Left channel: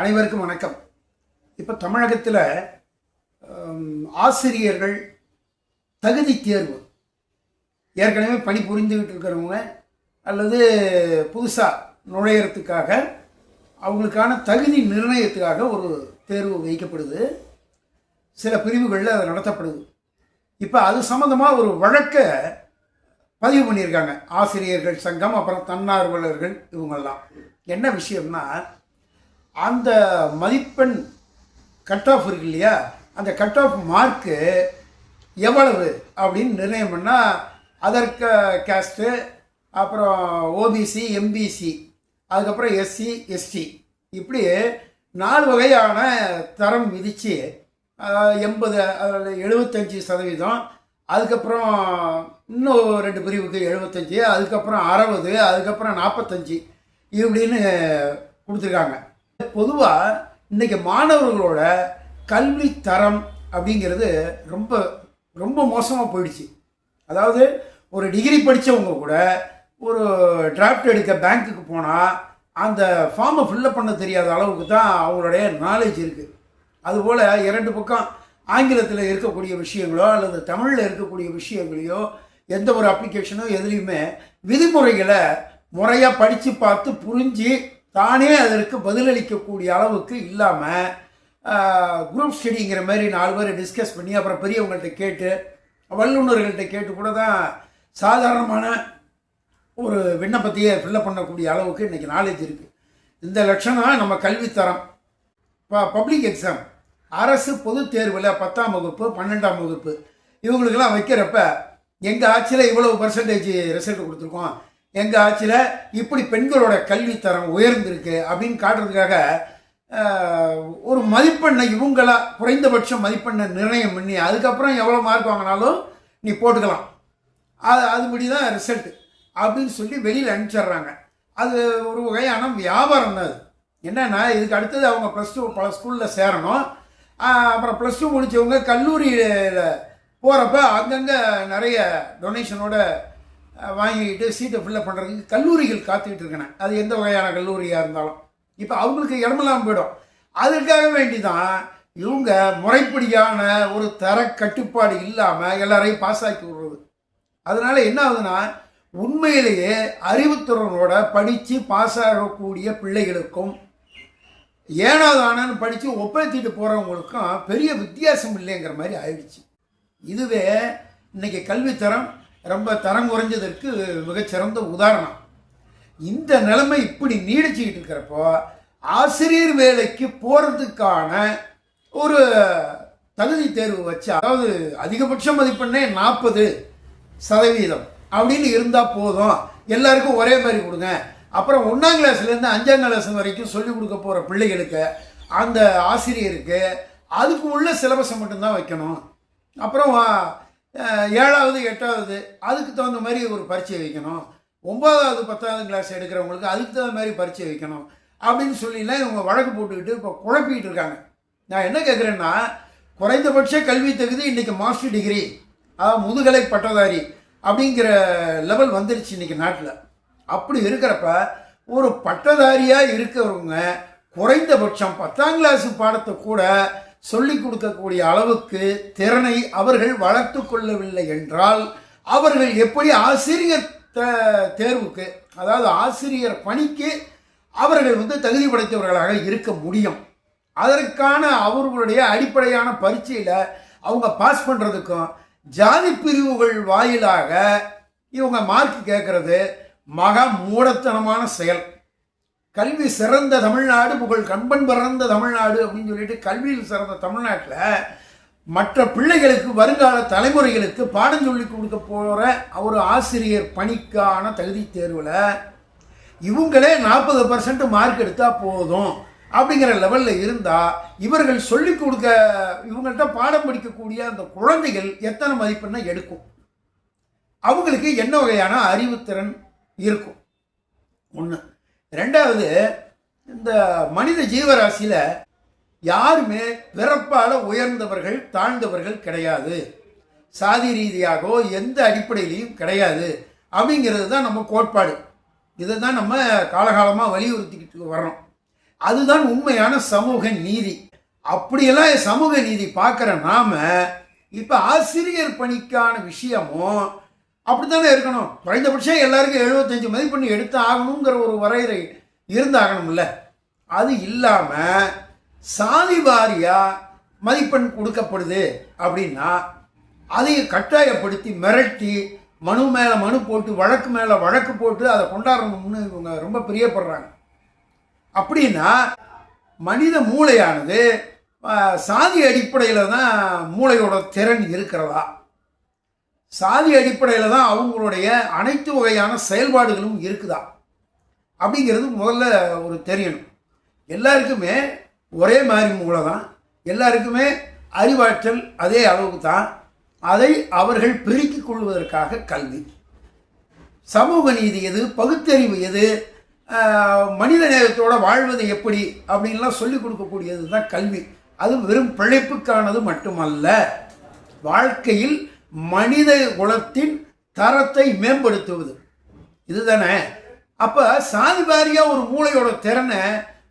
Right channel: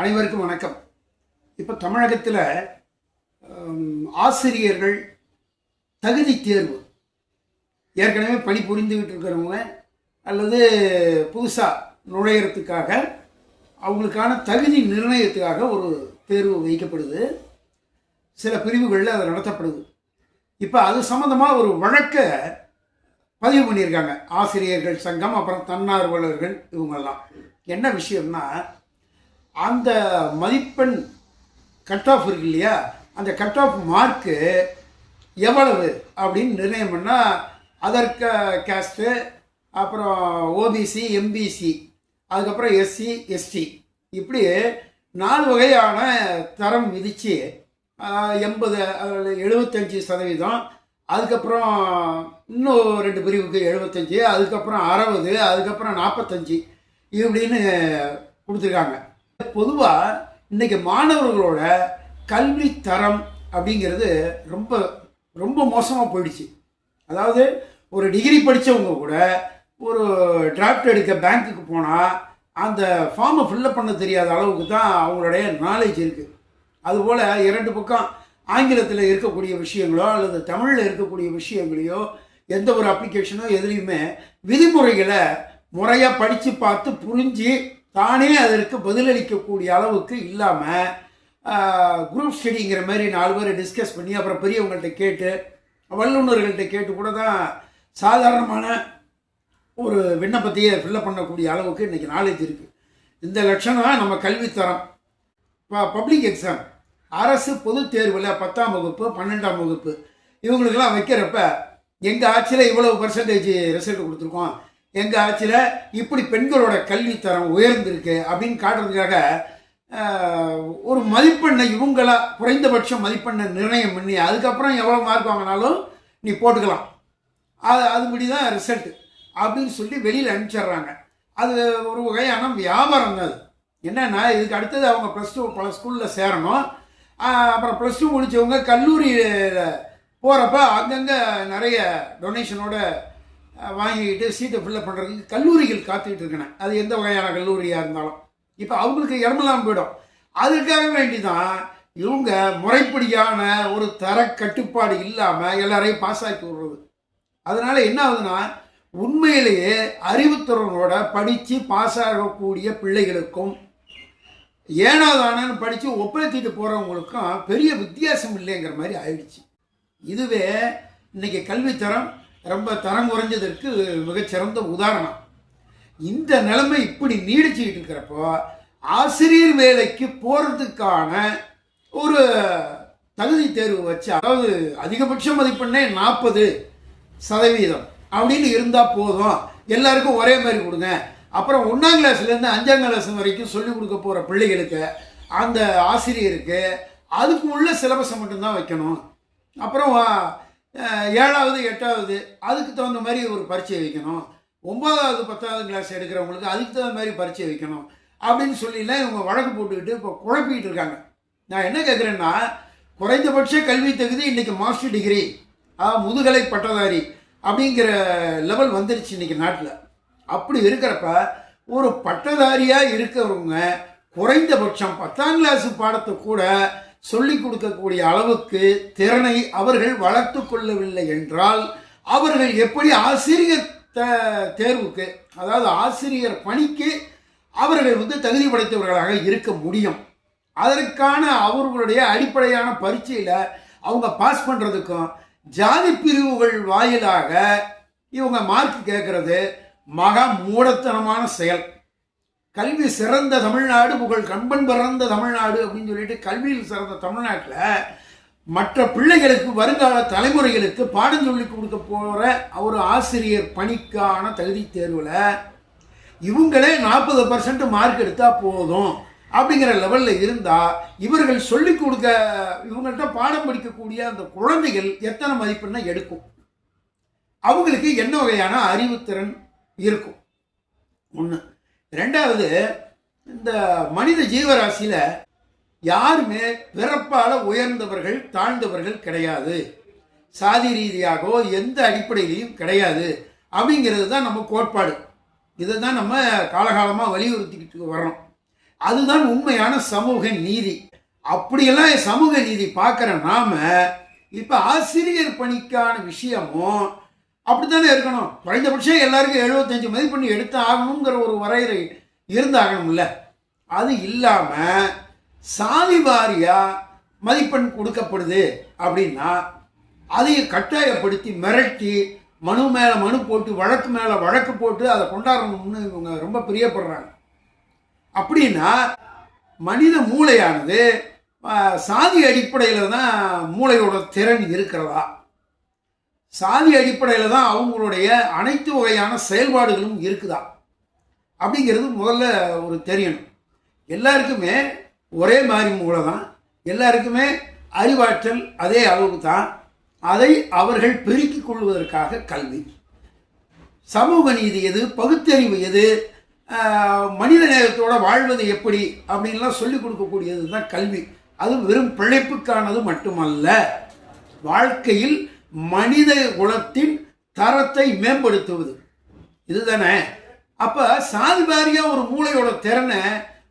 அனைவருக்கும் வணக்கம். இப்போ தமிழகத்தில் ஆசிரியர்கள் தகுதி தேர்வு ஏற்கனவே பணி புரிந்துக்கிட்டு இருக்கிறவங்க அல்லது புதுசாக நுழையிறதுக்காக அவங்களுக்கான தகுதி நிர்ணயத்துக்காக ஒரு தேர்வு வைக்கப்படுது. சில பிரிவுகளில் அது நடத்தப்படுது. இப்போ அது சம்மந்தமாக ஒரு வழக்கை பதிவு பண்ணியிருக்காங்க ஆசிரியர்கள் சங்கம், அப்புறம் தன்னார்வலர்கள். இவங்கெல்லாம் என்ன விஷயம்னா, அந்த மதிப்பெண் கட் ஆஃப் இருக்கு இல்லையா, அந்த கட் ஆஃப் மார்க்கு எவ்வளவு அப்படின்னு நிர்ணயம் பண்ணால் அதற்கு கேஸ்ட்டு, அப்புறம் ஓபிசி, எம்பிசி, அதுக்கப்புறம் எஸ்சி, எஸ்டி, இப்படி 4 வகையான தரம் விதித்து 80, 75%, அதுக்கப்புறம் இன்னும் 2 பிரிவுக்கு 75, அதுக்கப்புறம் 60, அதுக்கப்புறம் 45 இப்படின்னு கொடுத்துருக்காங்க. பொதுவாக இன்றைக்கி மாணவர்களோட கல்வி தரம் அப்படிங்கிறது ரொம்ப ரொம்ப மோசமாக போயிடுச்சு. அதாவது ஒரு டிகிரி படித்தவங்க கூட ஒரு டிராஃப்ட் எடுக்க பேங்க்குக்கு போனால் அந்த ஃபார்மை ஃபில்லப் பண்ண தெரியாத அளவுக்கு தான் அவங்களுடைய நாலேஜ் இருக்குது. அதுபோல் 2 பக்கம் ஆங்கிலத்தில் இருக்கக்கூடிய விஷயங்களோ அல்லது தமிழில் இருக்கக்கூடிய விஷயங்களையோ எந்த ஒரு அப்ளிகேஷனோ எதுலேயுமே விதிமுறைகளை முறையாக படித்து பார்த்து புரிஞ்சு தானே அதற்கு பதிலளிக்கக்கூடிய அளவுக்கு இல்லாமல் குரூப் ஸ்டடிங்கிற மாதிரி 4 பேர் டிஸ்கஸ் பண்ணி அப்புறம் பெரியவங்கள்ட்ட கேட்டு வல்லுநர்கள்ட்ட கேட்டு கூட தான் சாதாரணமான ஒரு விண்ணப்பத்தையே ஃபில்லப் பண்ணக்கூடிய அளவுக்கு இன்றைக்கி நாலேஜ் இருக்குது. இந்த லட்சணம் நம்ம கல்வித்தரம். இப்போ பப்ளிக் எக்ஸாம், அரசு பொது தேர்வில் 10ஆம் வகுப்பு 12ஆம் வகுப்பு இவங்களுக்கெல்லாம் வைக்கிறப்ப எங்கள் ஆட்சியில் இவ்வளவு பர்சன்டேஜ் ரிசல்ட் கொடுத்துருக்கோம், எங்கள் ஆட்சியில் இப்படி பெண்களோட கல்வித்தரம் உயர்ந்திருக்கு அப்படின்னு காட்டுறதுக்காக ஒரு மதிப்பெண்ணை இவங்களா குறைந்தபட்ச மதிப்பெண்ணை நிர்ணயம் பண்ணி அதுக்கப்புறம் எவ்வளோ மார்க் வாங்கினாலும் நீ போட்டுக்கலாம், அதுபடி தான் ரிசல்ட்டு அப்படின்னு சொல்லி வெளியில் அனுப்பிச்சிட்றாங்க. அது ஒரு வகையான வியாபாரம் தான். அது என்னென்னா, இதுக்கு அடுத்தது அவங்க +2 பல ஸ்கூலில் சேரணும். அப்புறம் +2 முடித்தவங்க கல்லூரியில் போகிறப்ப அங்கங்கே நிறைய டொனேஷனோட வாங்கிக்கிட்டு சீட்டை ஃபில்லப் பண்ணுறதுக்கு கல்லூரிகள் காத்துக்கிட்டு இருக்கேன். அது எந்த வகையான கல்லூரியாக இருந்தாலும் இப்போ அவங்களுக்கு இடமெல்லாம் போயிடும். அதுக்காக வேண்டி தான் இவங்க முறைப்படியான ஒரு தர கட்டுப்பாடு இல்லாமல் எல்லாரையும் பாஸ் ஆக்கி விடுறது. அதனால் என்ன ஆகுதுன்னா, உண்மையிலேயே அறிவுத்திறனோட படித்து பாஸ் ஆகக்கூடிய பிள்ளைகளுக்கும் ஏனாதானு படித்து ஒப்பேற்றிட்டு போகிறவங்களுக்கும் பெரிய வித்தியாசம் இல்லைங்கிற மாதிரி ஆயிடுச்சு. இதுவே இன்றைக்கி கல்வித்தரம் ரொம்ப தரம் குறைஞ்சதற்கு மிகச்சிறந்த உதாரணம். இந்த நிலைமை இப்படி நீடிச்சுக்கிட்டு இருக்கிறப்போ ஆசிரியர் வேலைக்கு போகிறதுக்கான ஒரு தகுதி தேர்வு வச்சு, அதாவது அதிகபட்ச மதிப்பெண்ணே 40% அப்படின்னு இருந்தால் போதும், எல்லாருக்கும் ஒரே மாதிரி கொடுங்க. அப்புறம் 1ஆம் கிளாஸ்லேருந்து 5ஆம் கிளாஸ் வரைக்கும் சொல்லிக் கொடுக்க போகிற பிள்ளைகளுக்கு அந்த ஆசிரியருக்கு அதுக்கு உள்ள சிலபஸை மட்டும்தான் வைக்கணும். அப்புறம் 7வது 8வது அதுக்கு தகுந்த மாதிரி ஒரு பரீட்சை வைக்கணும். 9வது 10ஆவது கிளாஸ் எடுக்கிறவங்களுக்கு அதுக்கு தகுந்த மாதிரி பரீட்சை வைக்கணும் அப்படின்னு சொல்லிலாம் இவங்க வழக்கு போட்டுக்கிட்டு இப்போ குழப்பிக்கிட்டு இருக்காங்க. நான் என்ன கேட்குறேன்னா, குறைந்தபட்ச கல்வி தகுதி இன்றைக்கி மாஸ்டர் டிகிரி, அதாவது முதுகலை பட்டதாரி அப்படிங்கிற லெவல் வந்துருச்சு இன்றைக்கி நாட்டில். அப்படி இருக்கிறப்ப ஒரு பட்டதாரியாக இருக்கிறவங்க குறைந்தபட்சம் 10ஆம் கிளாஸ் பாடத்தை கூட சொல்லிக் கொடுக்கக்கூடிய அளவுக்கு திறனை அவர்கள் வளர்த்து கொள்ளவில்லை என்றால் அவர்கள் எப்படி ஆசிரியர் தேர்வுக்கு, அதாவது ஆசிரியர் பணிக்கு அவர்கள் தகுதி படைத்தவர்களாக இருக்க முடியும்? அதற்கான அவர்களுடைய அடிப்படையான பரீட்சையில் அவங்க பாஸ் பண்ணுறதுக்கும் ஜாதி பிரிவுகள் வாயிலாக இவங்க மார்க் கேட்கறது மகா மூடத்தனமான செயல். கல்வி சிறந்த தமிழ்நாடு, புகழ் கண்பன் பிறந்த தமிழ்நாடு அப்படின்னு சொல்லிட்டு கல்வியில் சிறந்த தமிழ்நாட்டில் மற்ற பிள்ளைகளுக்கு, வருங்கால தலைமுறைகளுக்கு பாடம் சொல்லி கொடுக்க போகிற ஒரு ஆசிரியர் பணிக்கான தகுதி தேர்வில் இவங்களே 40% மார்க் எடுத்தால் போதும் அப்படிங்கிற லெவலில் இருந்தால் இவர்கள் சொல்லிக் கொடுக்க, இவங்கள்ட்ட பாடம் படிக்கக்கூடிய அந்த குழந்தைகள் எத்தனை மதிப்பெண்ணை எடுக்கும்? அவங்களுக்கு என்ன வகையான அறிவுத்திறன் இருக்கும்? ஒன்று. 2வது, இந்த மனித ஜீவராசியில் யாருமே பிறப்பால் உயர்ந்தவர்கள் தாழ்ந்தவர்கள் கிடையாது, சாதி ரீதியாகவோ எந்த அடிப்படையிலையும் கிடையாது அப்படிங்கிறது தான் நம்ம கோட்பாடு. இதை தான் நம்ம காலகாலமாக வலியுறுத்திக்கிட்டு வர்றோம். அதுதான் உண்மையான சமூக நீதி. அப்படியெல்லாம் சமூக நீதி பார்க்குற நாம இப்போ ஆசிரியர் பணிக்கான விஷயமும் அப்படித்தானே இருக்கணும். குறைந்தபட்சம் எல்லாருக்கும் 75 மதிப்பெண் எடுத்து ஆகணுங்கிற ஒரு வரையறை இருந்தாகணும்ல. அது இல்லாமல் சாதி வாரியா மதிப்பெண் கொடுக்கப்படுது அப்படின்னா அதையை கட்டாயப்படுத்தி மிரட்டி மனு மேலே மனு போட்டு வழக்கு மேலே வழக்கு போட்டு அதை கொண்டாடணும்னு இவங்க ரொம்ப பிரியப்படுறாங்க. அப்படின்னா மனித மூளையானது சாதி அடிப்படையில் தான் மூளையோட திறன் இருக்கிறதா, சாதி அடிப்படையில் தான் அவங்களுடைய அனைத்து வகையான செயல்பாடுகளும் இருக்குதா அப்படிங்கிறது முதல்ல ஒரு தெரியணும். எல்லாருக்குமே ஒரே மாதிரி மூளை தான், எல்லாருக்குமே அறிவாற்றல் அதே அளவுக்கு தான். அதை அவர்கள் பெருக்கிக் கொள்வதற்காக கல்வி. சமூக நீதி எது, பகுத்தறிவு எது, மனித நேயத்தோட வாழ்வது எப்படி அப்படின்லாம் சொல்லிக் கொடுக்கக்கூடியது தான் கல்வி. அது வெறும் பிழைப்புக்கானது மட்டுமல்ல, வாழ்க்கையில் மனித குலத்தின் தரத்தை மேம்படுத்துவது இதுதானே. அப்போ சாதி வாரியாக ஒரு மூளையோட திறனை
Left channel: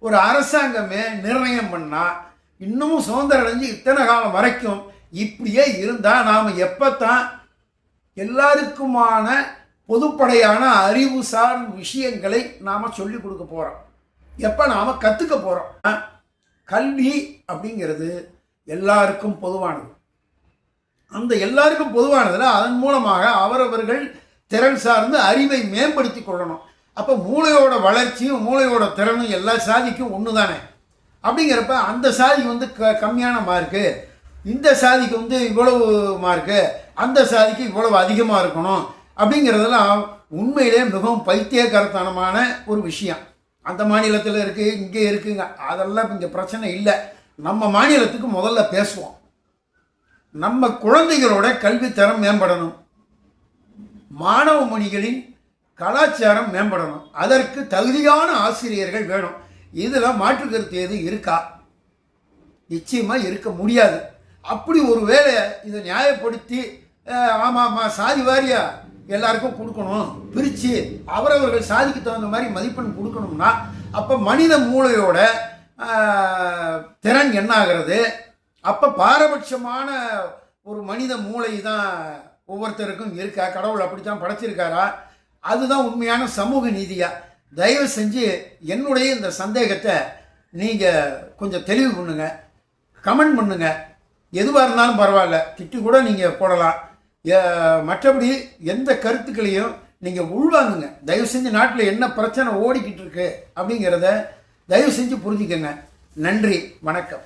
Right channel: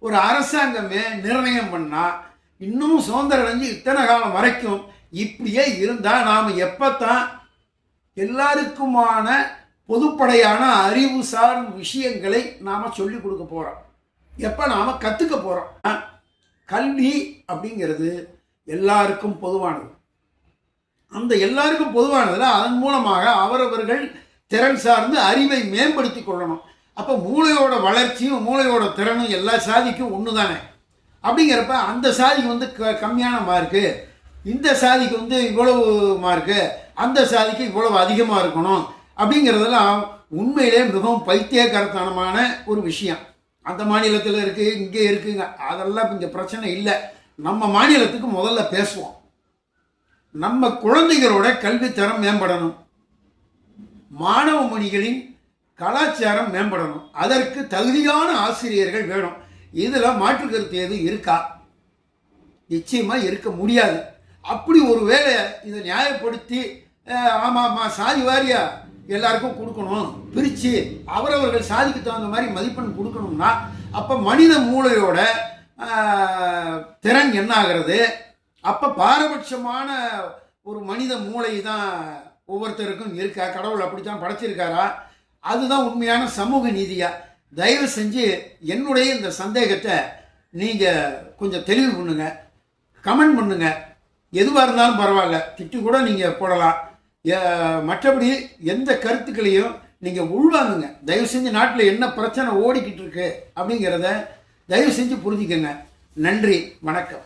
ஒரு அரசாங்கமே நிர்ணயம் பண்ணால் இன்னமும் சுதந்திரம் அடைஞ்சு இத்தனை காலம் வரைக்கும் இப்படியே இருந்தால் நாம் எப்போத்தான் எல்லாருக்குமான பொதுப்படையான அறிவு சார்ந்த விஷயங்களை நாம் சொல்லிக் கொடுக்க போகிறோம், எப்போ நாம் கற்றுக்க போகிறோம். கல்வி அப்படிங்கிறது எல்லாருக்கும் பொதுவானது. அந்த எல்லாருக்கும் பொதுவானதில் அதன் மூலமாக அவரவர்கள் திறன் சார்ந்து அறிவை மேம்படுத்தி கொள்ளணும். அப்போ மூளையோட வளர்ச்சியும் மூளையோட திறனும் எல்லா சாதிக்கும் ஒன்று தானே. அப்படிங்கிறப்ப அந்த சாதிக்கு வந்து கம்மியான மார்க்கு, இந்த சாதிக்கு வந்து இவ்வளவு மார்க்கு, அந்த சாதிக்கு இவ்வளவு அதிகமாக இருக்கணும் அப்படிங்கிறதெல்லாம் உண்மையிலே மிகவும் பைத்தியக்காரத்தனமான ஒரு விஷயம். அந்த மாநிலத்தில் இருக்குது, இங்கே இருக்குங்க, அதெல்லாம் இங்கே பிரச்சனை இல்லை. நம்ம மாநிலத்துக்கு முதல்ல பேசுவோம். நம்ம குழந்தைகளோட கல்வித்தரம் மேம்படணும், மாணவ மணிகளின் கலாச்சாரம் மேம்படணும், அதற்கு தகுதியான ஆசிரியர்கள் வேணும். இதில் மாற்று கருத்து எது இருக்கா? நிச்சயமாக இருக்க முடியாது. அப்படி ஒரு வேளை இதை நியாயப்படுத்தி ஆமாம் சாதி வாரியா எல்லாருக்கும் கொடுக்கணும், பிரித்து அவரவர்கள் சாதிக்கு தகுந்த மாதிரி மதிப்பெண் கொடுக்கணும்னா அப்போ மனித மூளையோட திறன் என்ன ஆகிறது? அப்போ பாரபட்சமான ஒரு மனித மூளை தான் ஒவ்வொருத்தருக்கும் இருக்கா? கடவுள் அப்படித்தான் படைச்சிருக்காரா? அதுதான் உண்மையான சமூக நீதியா? தயவு செஞ்சு என்னுடைய இந்த சந்தேகத்தை நீங்கள் கொஞ்சம் தெளிவு பண்ணுங்க, கமெண்ட் பண்ணுங்க. எதுவாக இருந்தாலும் பரவாயில்ல, திட்டு கூட நீங்கள் போடலாம். மற்றபடி எந்த கருத்துக்களையும் நீங்கள் உள்வாங்குங்க. தயவு செஞ்சு நாட்டில் என்ன பிரச்சனை ஓடிக்கிட்டு இருக்கு அப்படிங்கிறத தயவு செஞ்சு புரிஞ்சுக்கங்க. நன்றி, வணக்கம்.